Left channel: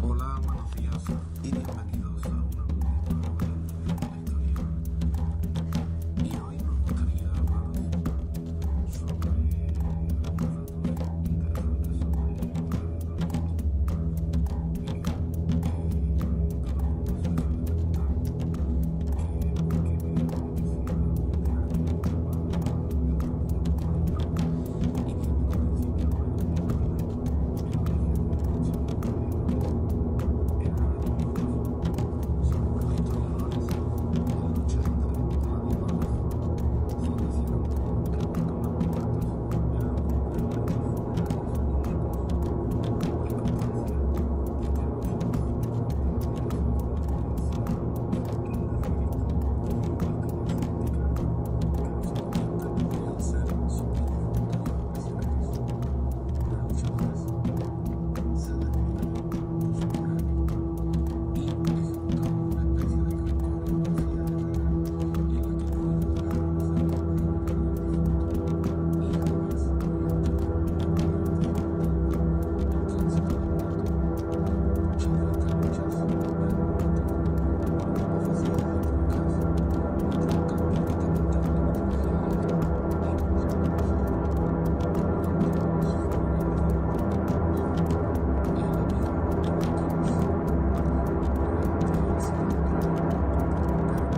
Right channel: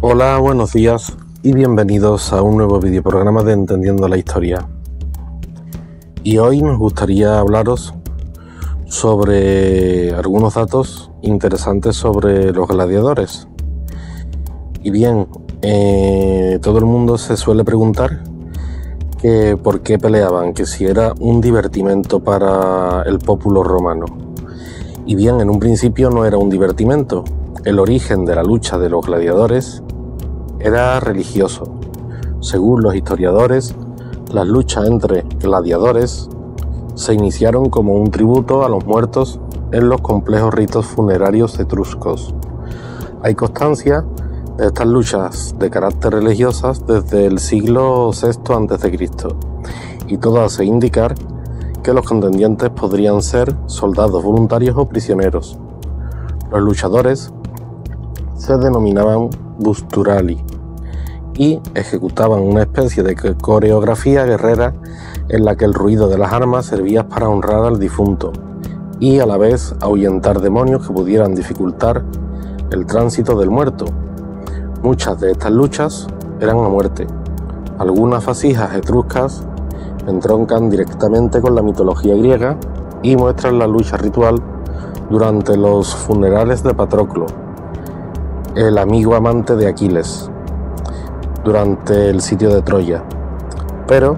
Hola, buenos días y bienvenidos a un nuevo videoprograma de Entendiendo la Historia. Y hoy nos gustaría hablaros sobre algunos datos interesantes sobre los gladiadores. Y bien, todo el mundo se suele preguntar que por qué peleaban, que si era un divertimento para el populo romano. Y bien, en un principio no era un divertimento. El origen de la lucha de los gladiadores era religioso. Según los historiadores, las luchas entre gladiadores se iniciaron como un tributo a los muertos en los complejos ritos funerarios etruscos. Hay constancia de estas luchas de carácter religiosas desde el siglo VI a.C. y todo hace indicar que los contendientes podrían ser soldados voluntarios o prisioneros. Los luchadores se denominaban busturali y ejecutaban una especie de coreografía guerrera en la que el ruido de las armas servía para honrar al difunto y a la vez ahuyentar demonios que pudieran dificultar el tránsito del muerto. Muchas de estas luchas eran a muerte. Algunas fasijas etruscas entroncan directamente con la mitología griega y muestran la lucha ritual durante los funerales de Patroclo, el amigo amante de Aquiles, durante el sitio de Troya. Pero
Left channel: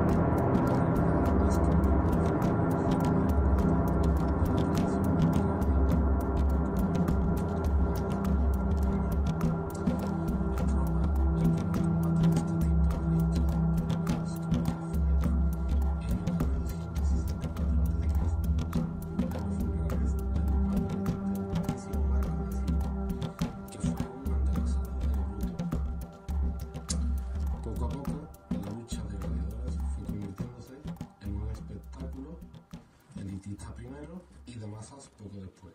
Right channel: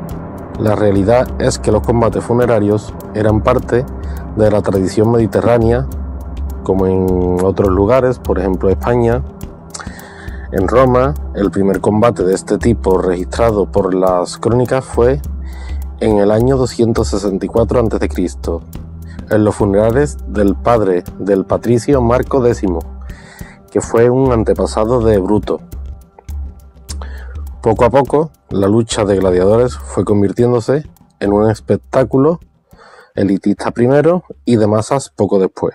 la realidad es que los combates funerarios eran parte de la tradición mediterránea, como en otros lugares, por ejemplo España. En Roma, el primer combate de este tipo registrado por las crónicas fue en el año 264 a.C., en los funerales del padre del patricio Marco X, que fue un antepasado de Bruto. Poco a poco, la lucha de gladiadores fue convirtiéndose en un espectáculo elitista primero y de masas poco después.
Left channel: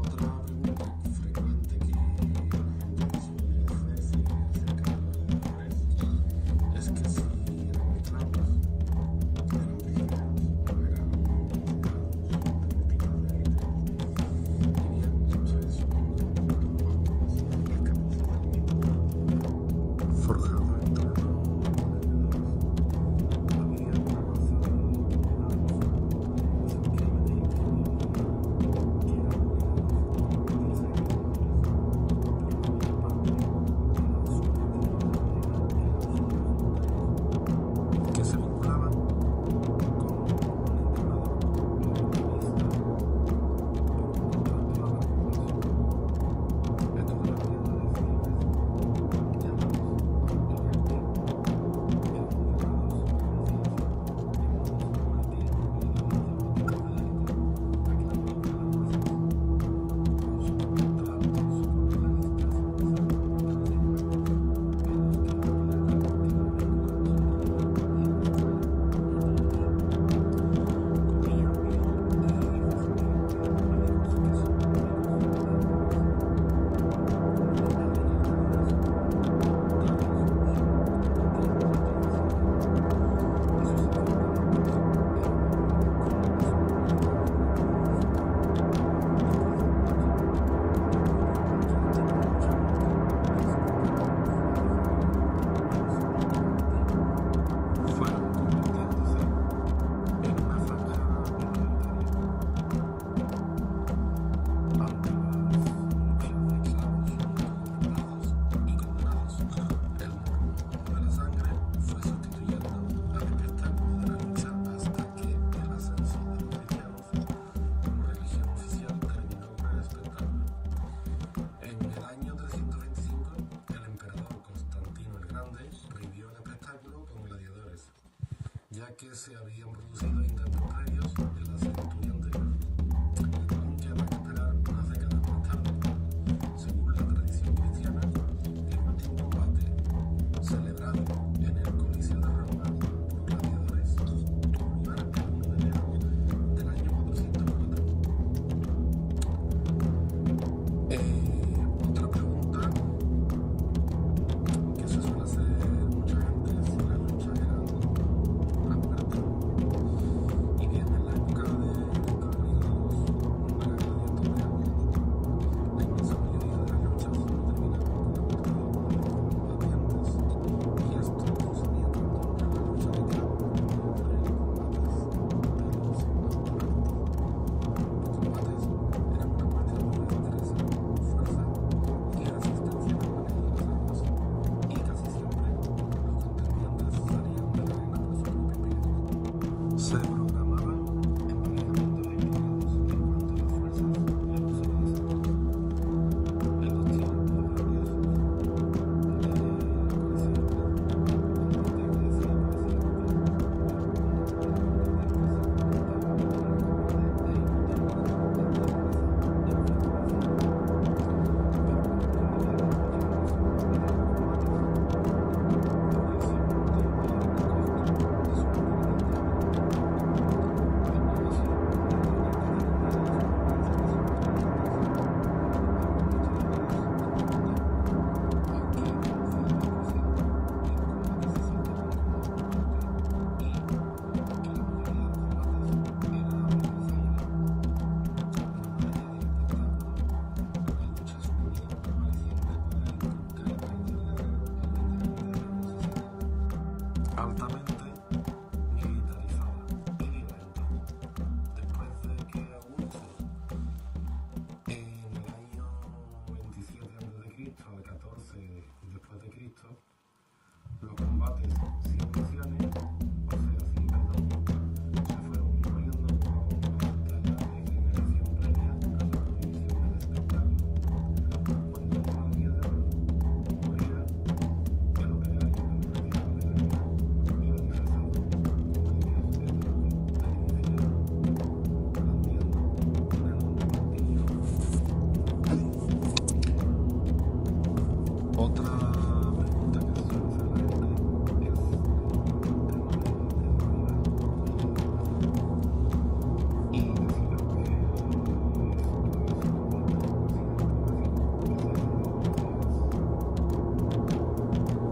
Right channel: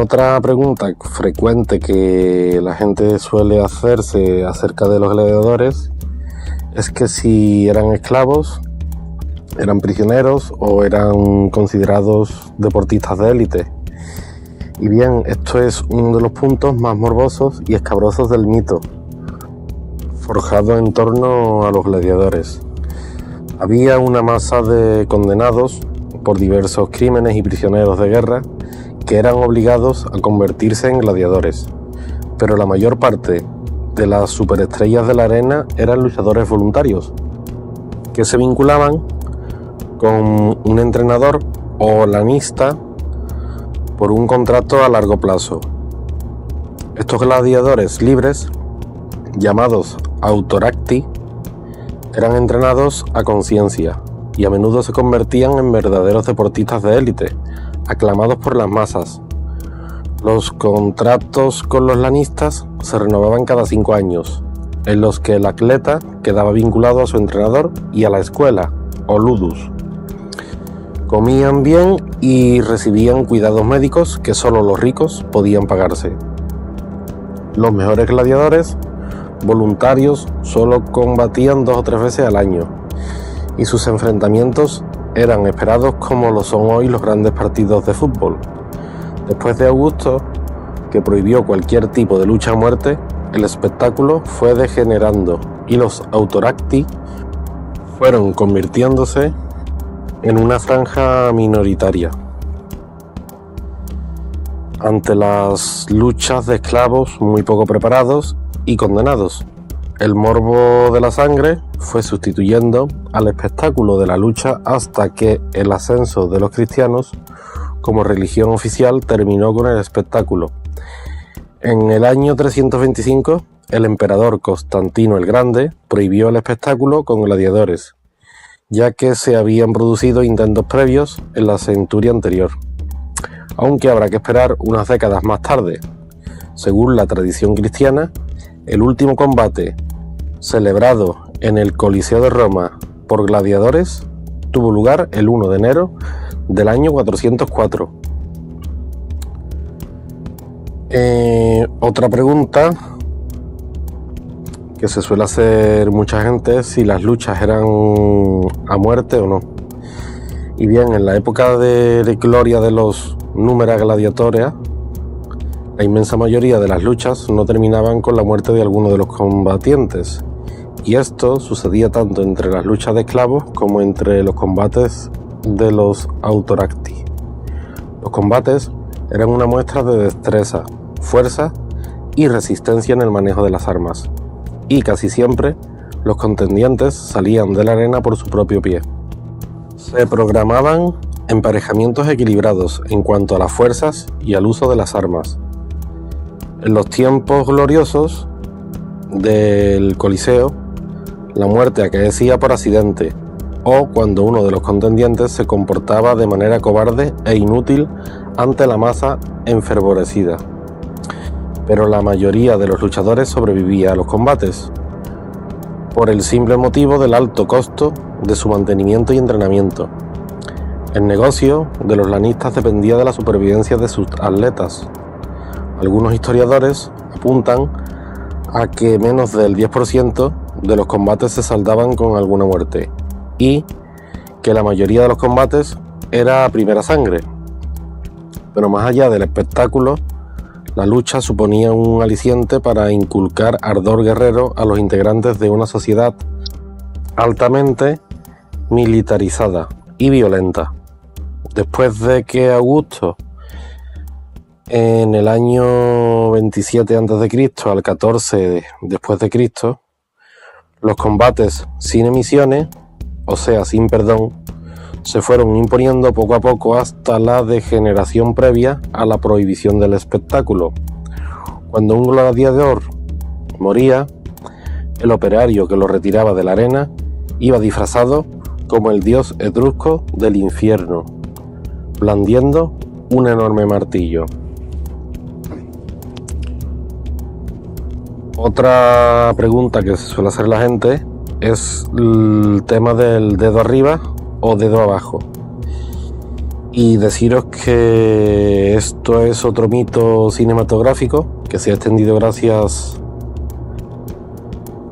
Otra pregunta frecuente que la gente suele hacerse acerca de los gladiadores es que si eran esclavos, eran prisioneros o eran considerados deportistas de élite. Y bien, esto es uno de los puntos más morbosos y escabrosos del mito, forjado en torno a los gladiadores. Había una masa de condenados por diversos crímenes y prisioneros de guerra que eran obligados a convertirse en gladiadores, pero la mayor parte de las superestrellas de la arena eran luchadores voluntarios, que se vinculaban con un entrenador o lanista por un contrato a largo plazo. Estos gladiadores libres, llamados autoracti, eran entrenados a conciencia y a menudo se convertían en verdaderos deportistas de élite, aclamados por las masas. Los contratos con los lanistas se renovaban cada 5 años, en los que el atleta quedaba vinculado a su entrenador y a la escuela, o ludus. Comían bien y recibían cuidados médicos que solo los ricos podían pagarse. Los mejores gladiadores voluntarios solo combatían 2 o 3 veces al año, y sus enfrentamientos eran esperados como lo son hoy los grandes partidos de fútbol. Después de Augusto, que prohibió cualquier tipo de lucha a muerte, el espectáculo fue degenerando y los autoracti fueron convirtiéndose en una franja minoritaria. Ante las luchas de esclavos muy poco preparados y condenados, el morbo de la sangre fue sustituyendo al espectáculo de la lucha hasta que el ascenso de los cristianos como religión oficial terminó con el espectáculo. En el año 325, el emperador Constantino el Grande prohibió el espectáculo con gladiadores, ya que se habían producido intentos previos en la centuria anterior, aunque habrá que esperar unas décadas más tarde. Según la tradición cristiana, el último combate celebrado en el Coliseo de Roma por gladiadores tuvo lugar el 1 de enero del año 404. Otra pregunta que se suele hacer mucha gente es si las luchas eran a muerte o no. Y bien, en la época de gloria de los numera gladiatoria, la inmensa mayoría de las luchas no terminaban con la muerte de alguno de los combatientes, y esto sucedía tanto entre las luchas de esclavos como entre los combates de los autoracti. Los combates eran una muestra de destreza, fuerza y resistencia en el manejo de las armas, y casi siempre los contendientes salían de la arena por su propio pie. Se programaban emparejamientos equilibrados en cuanto a las fuerzas y al uso de las armas. En los tiempos gloriosos del Coliseo, la muerte acaecía por accidente o cuando uno de los contendientes se comportaba de manera cobarde e inútil ante la masa enfervorecida. Pero la mayoría de los luchadores sobrevivía a los combates por el simple motivo del alto costo de su mantenimiento y entrenamiento. El negocio de los lanistas dependía de la supervivencia de sus atletas. Algunos historiadores apuntan a que menos del 10% de los combates se saldaban con alguna muerte y que la mayoría de los combates era a primera sangre. Pero más allá del espectáculo, la lucha suponía un aliciente para inculcar ardor guerrero a los integrantes de una sociedad altamente militarizada y violenta. Después de que Augusto, en el año 27 a.C. al 14 después de Cristo, los combates sin emisiones, o sea, sin perdón, se fueron imponiendo poco a poco hasta la degeneración previa a la prohibición del espectáculo. Cuando un gladiador moría, el operario que lo retiraba de la arena iba disfrazado como el dios etrusco del infierno, blandiendo un enorme martillo. Otra pregunta que se suele hacer la gente es el tema del dedo arriba o dedo abajo. Y deciros que esto es otro mito cinematográfico que se ha extendido gracias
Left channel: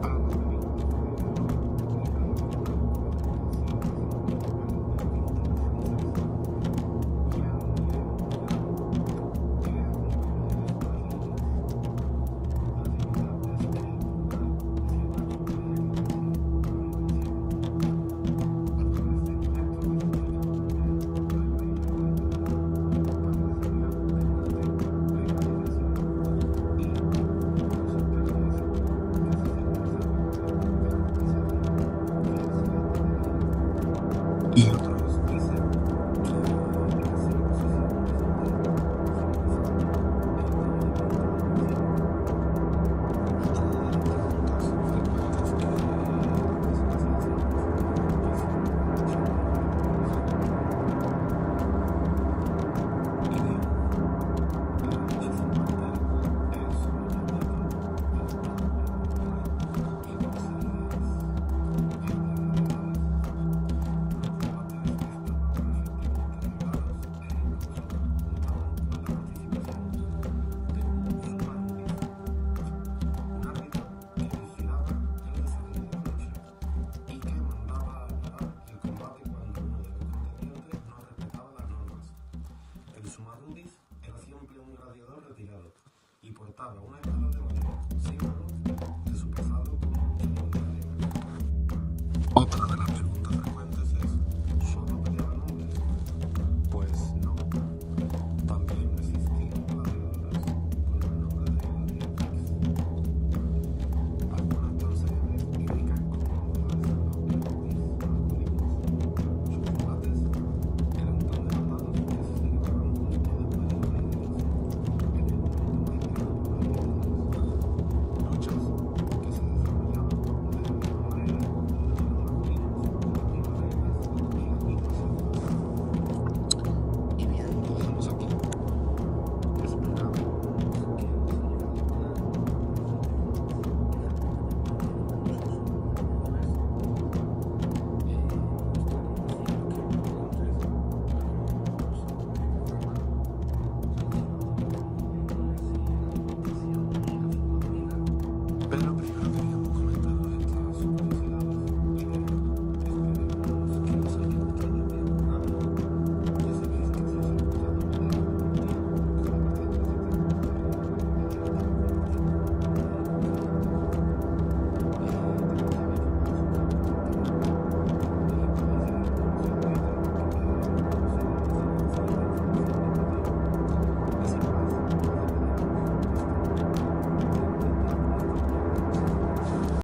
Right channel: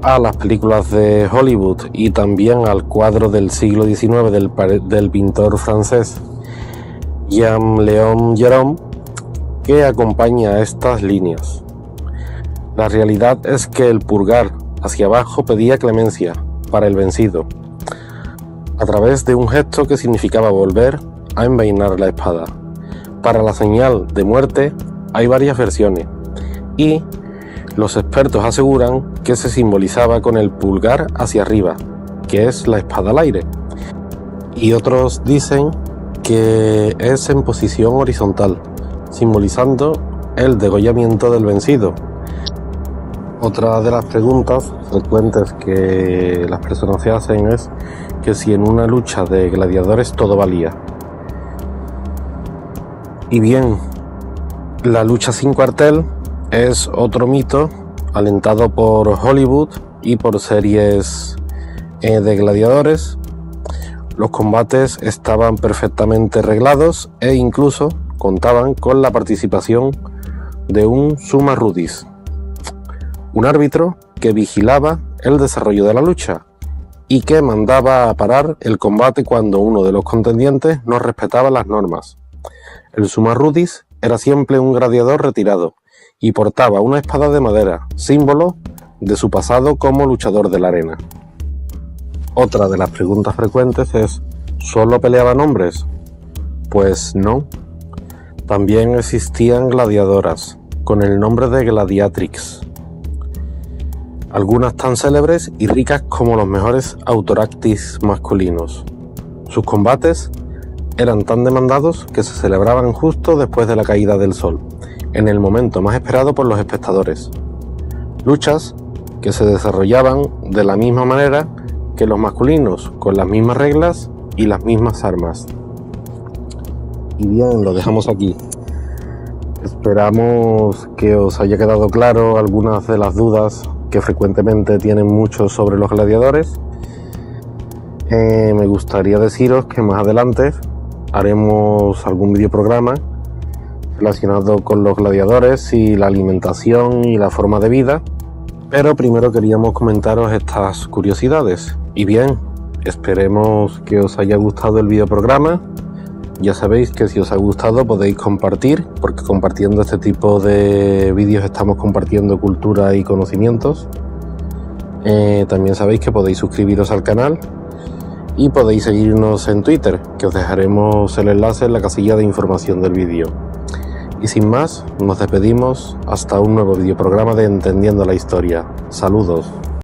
a las películas de Hollywood y también al cuadro del siglo XIX del pintor francés Jean-Léon Gérôme, que acompaña estas líneas. La realidad es que el pulgar hacia abajo pedía clemencia para el vencido, a través de un gesto que significaba volver a envainar la espada. Para la señal de muerte hay varias versiones, y los expertos aseguran que se simbolizaba con el pulgar hacia arriba, que es la espada al aire, y otros dicen que es en posición horizontal, simbolizando el degollamiento del vencido. Otra de las preguntas frecuentes que las personas se hacen es que si en una lucha de gladiadores todo valía. Y bien, la lucha sin cuartel es otro mito alentado por Hollywood y por series de gladiadores. Los combates estaban perfectamente reglados e incluso contaban con la participación de un summa iudis, un árbitro que vigilaba el desarrollo de la lucha y que mandaba a parar el combate cuando uno de los contendientes no respetaba las normas. El summa iudis era siempre un gladiador retirado y portaba una espada de madera, símbolo de su pasado como luchador de la arena. Otra de las preguntas frecuentes es: ¿solo peleaban hombres? Pues no. También existían gladiadoras, con el nombre de gladiatrix, algunas tan célebres y ricas como los mejores autoractis masculinos. Sus combates eran tan demandados que se celebraban justo después de la caída del sol, en el momento más esperado por los espectadores. Luchas que se desarrollaban de la misma manera que los masculinos, con las mismas reglas y las mismas armas. Y bien, lo dejamos aquí. Esperamos que os haya quedado claro algunas de las dudas que frecuentemente tienen muchos sobre los gladiadores. Me gustaría deciros que más adelante haremos algún videoprograma relacionado con los gladiadores y la alimentación y la forma de vida, pero primero queríamos comentaros estas curiosidades. Y bien, esperemos que os haya gustado el videoprograma Ya sabéis que si os ha gustado podéis compartir, porque compartiendo este tipo de vídeos estamos compartiendo cultura y conocimientos. También sabéis que podéis suscribiros al canal y podéis seguirnos en Twitter, que os dejaremos el enlace en la casilla de información del vídeo. Y sin más, nos despedimos hasta un nuevo videoprograma de Entendiendo la Historia. Saludos.